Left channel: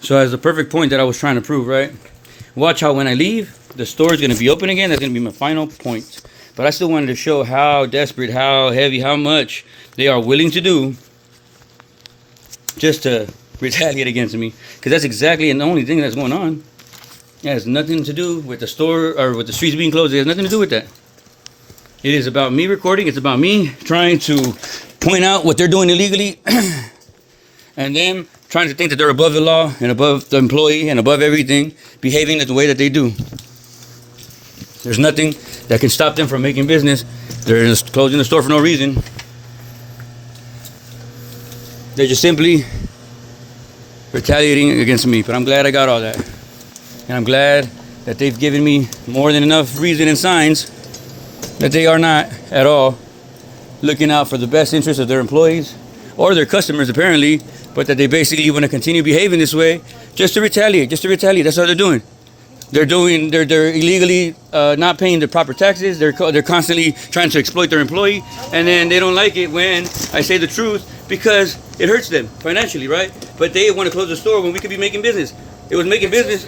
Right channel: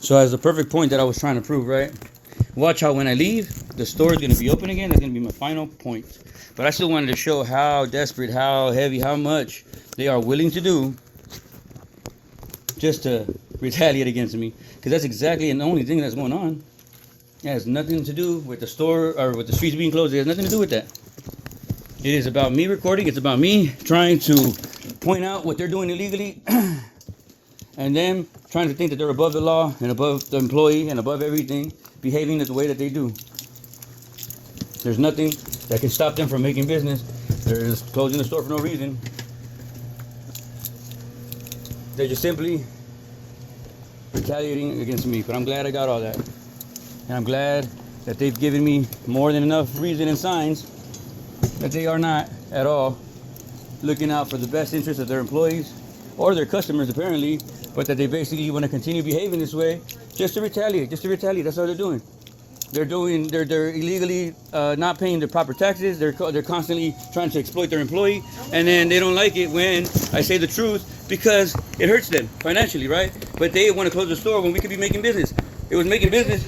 So as the perfect point that I was trying to prove, right? Watch how when I leave, the store is going to be open again. That's going to be my final point. But I still wanted to show how desperate, how heavy, how much they are willing to do just to retaliate against me. Because that's exactly the only thing that's going on. It has nothing to do with the store or with the streets being closed. It has nothing to do with that. It is about me recording. It's about me trying to point out what they're doing illegally and them trying to think that they're above the law and above the employee and above everything, behaving the way that they do. There's nothing that can stop them from making business. They're just closing the store for no reason. They're just simply retaliating against me. But I'm glad I got all that. And I'm glad that they've given me more than enough reason and signs that they are not at all looking out for the best interest of their employees or their customers apparently, but that they basically want to continue behaving this way just to retaliate. That's what they're doing. They're illegally not paying the proper taxes. They're constantly trying to exploit their employee, and then they don't like it when I say the truth because it hurts them financially, right? But they want to close the store when we could be making business. It was making business.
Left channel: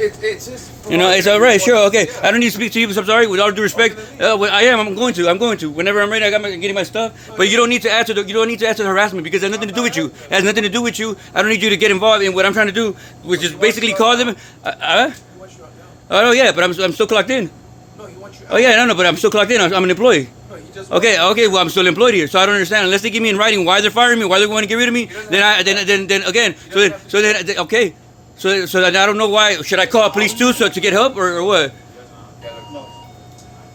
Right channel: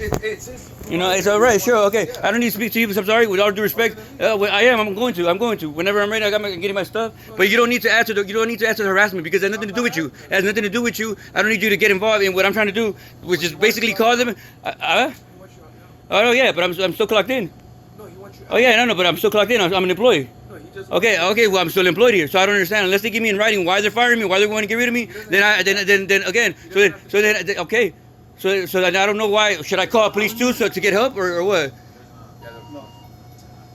You know, it's all right, sure, okay. I don't need to speak to you, I'm sorry, with all due respect. I'm going to. Whenever I'm ready, getting my stuff. But you don't need to answer the harassment because it has nothing to do with you. It has nothing to do with you. I don't need you to get involved in what I'm trying to do, which is basically call them. Oh yeah, but I'm still clocked in. Oh yeah, no, but I'm still clocked in. I'm an employee. Okay, well I'm still employed here, so I don't understand. Unless they give me in writing why they're firing me, why they want to get rid of me, then again, okay. So I don't know why. Should I call police too to get help or what?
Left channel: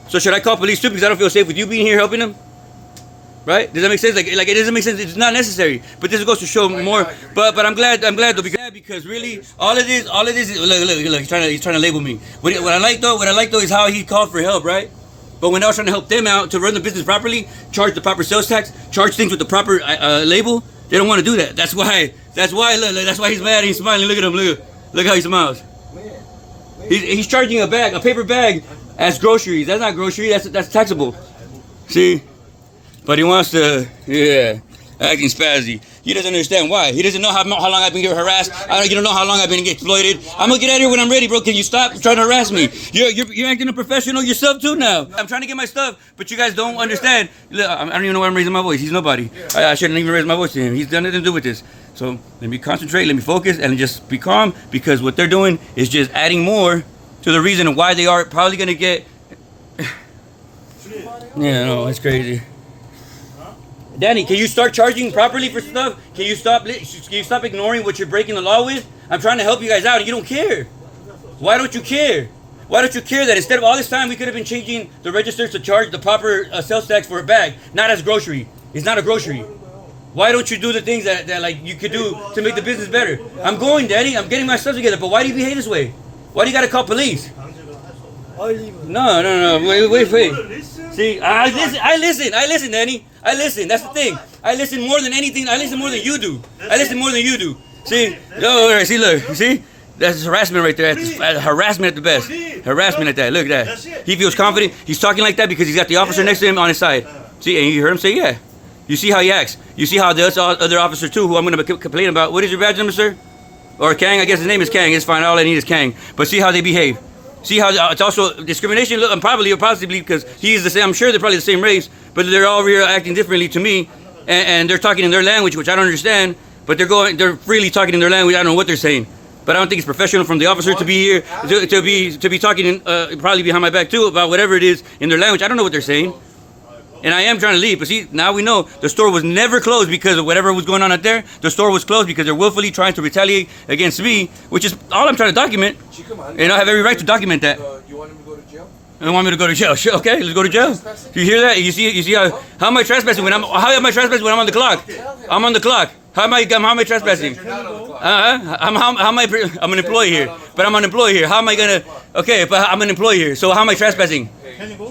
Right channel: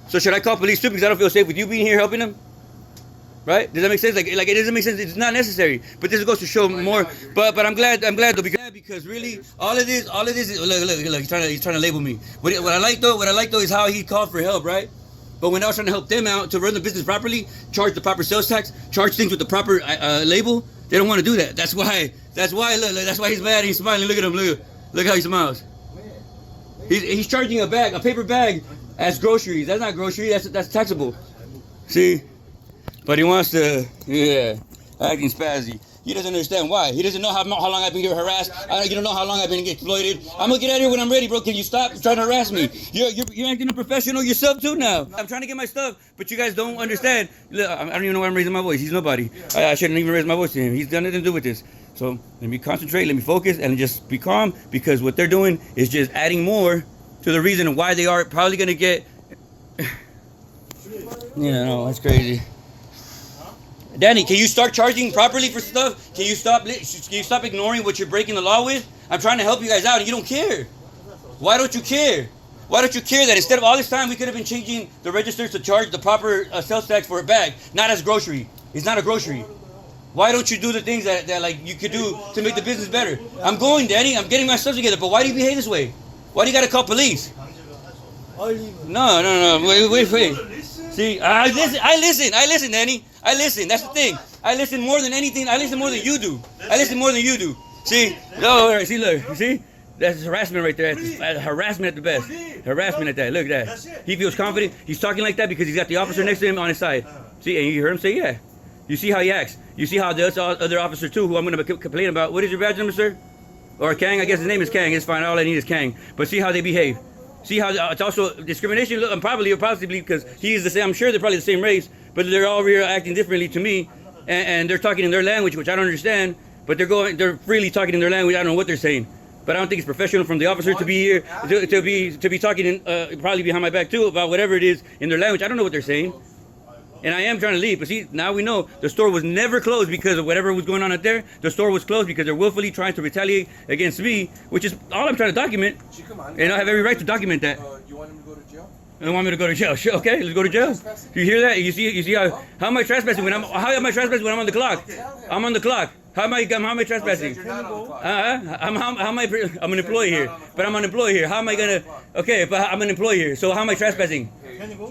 So should I call police too because I don't feel safe with you being here helping them? Right? Does that make sense? Like it doesn't make sense. It's not necessary. But this goes to show more. But I'm glad though because really all of this is look. He's trying to label me. What I like though is how he called for help, right? But when I was trying to help them out to run the business properly, charge the proper sales tax, charge things with the proper label, they don't want to do that. That's why. Look, that's why he's mad. And he's smiling. Look at him. Look how he smiles. He's charging a paper bag, as groceries. That's not grocery. That's taxable. See, but he wants to, acting spazzy. He doesn't understand why. He doesn't know how long I've been getting harassed. You don't know how long I've been getting exploited. I'm gonna get out of here when I'm ready, bro. Can you stop trying to harass me? You're acting unprofessional yourself too now. I'm trying to get my stuff, but you guys don't understand. Look, I don't even know why I'm raising my voice. He's nobody. I shouldn't even raise my voice to him. He's done nothing to do with this. So let me concentrate, let me focus, and just be calm because what they're doing is just adding more to the reason why they are probably gonna get. No, it's crazy. Danny, can you start charging properly for stuff? Can you stop ignoring what you're breaking the law with? I'm trying to help you guys out and you don't care. Why don't you care? Why don't you care that instead of all this time we could have been changing the registers to charge the proper sales tax for a bag, not as grocery. It's not a grocery. Why don't you do the things that like you could do to make the business better? I'm going, Danny. I'm getting my stuff together, but why do you behave this way? Why do you gotta call police? No. Wait. See, I listen, Danny. I listen. That's the thing. I listen more than anything. I listen more than you do. See, see, look, you see? That's harassment right there. That's harassment at the best. Harassment at that. Look at that. He feels confident. He's talking like that because he's got the officer next to him on his side. See, and you heard him say, yeah. You see how he acts. You see how the other officer too, who I'm going to complain about. What is your badge number, sir? Or Kang? I guess his name is Kang. It's fine. All I need is Kang. But see how they behave. See how it's also discrimination. Look, possibly because he's the same. I'm sure they're probably the same race, but they're all here acting differently to me, and they're talking in their language, which I don't understand. But they're freely talking in their language. I don't know what they're saying, but I don't think it's professional from the officer to be here to be talking probably behind my back too about whatever it is in their language. I don't know what they're saying. And I am trying to leave, but see, now we know the store was never closed because of whatever was going on out there. The store was closed because they're willfully trying to retaliate against me, which is all I'm trying to document. And I have every right to document that. You want him to go to jail? I don't want me to go to jail. Sure, okay, let's go to jail. Do you hear that? You see how am I trespassing when I'm on the clock? I'm on the clock. How am I trespassing? I'm an employee here, but I'm an employee here. How am I gonna? Okay, but I'm an employee here. So how am I trespassing?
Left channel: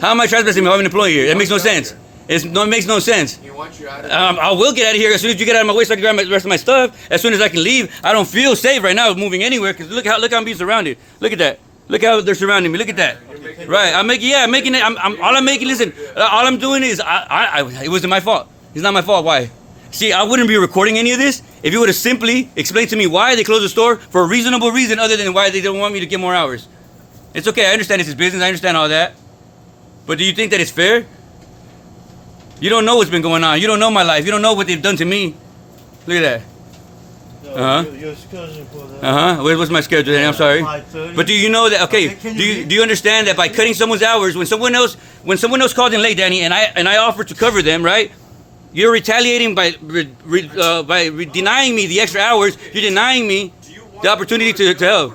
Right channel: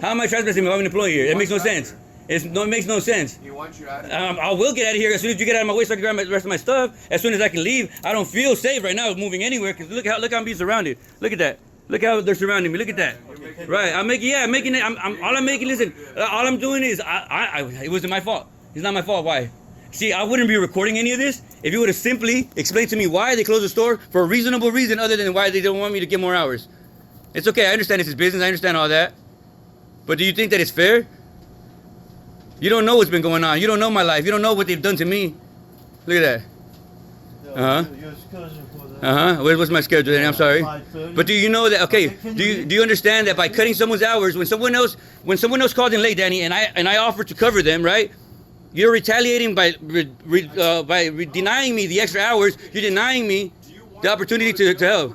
How am I trespassing if I'm an employee here? That makes no sense. It makes no sense. I will get out of here as soon as you get out of my way so I can grab the rest of my stuff. As soon as I can leave. I don't feel safe right now moving anywhere because look how I'm being surrounded. Look at that. Look how they're surrounding me. Look at that. Right. I'm making it. Listen, all I'm doing is it wasn't my fault. It's not my fault. Why? See, I wouldn't be recording any of this if you would have simply explained to me why they closed the store for a reasonable reason other than why they don't want me to get more hours. It's okay. I understand it's his business. I understand all that. But do you think that it's fair? You don't know what's been going on. You don't know my life. You don't know what they've done to me. Look at that. Your schedule for that. What's my schedule then? I'm sorry. 5:30. But do you know that? Okay. Do you understand that by cutting someone's hours, when someone else called in late, Danny, and I offered to cover them, right? You're retaliating by denying me the extra hours. You're denying me the opportunity to help.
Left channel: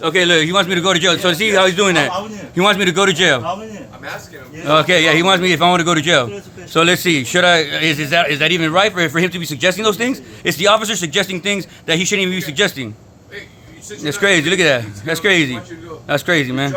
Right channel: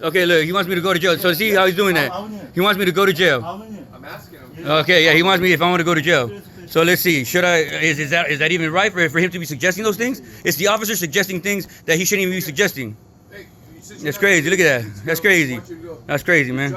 Okay, look, he wants me to go to jail. So see how he's doing that. He wants me to go to jail. I'm asking him. Okay, yeah, he wants me if I want to go to jail. So let's see. Should I? Is that even right for him to be suggesting those things? It's the officer suggesting things that he shouldn't even be suggesting. Hey, you said That's crazy. Look at that. That's crazy. That's crazy, man.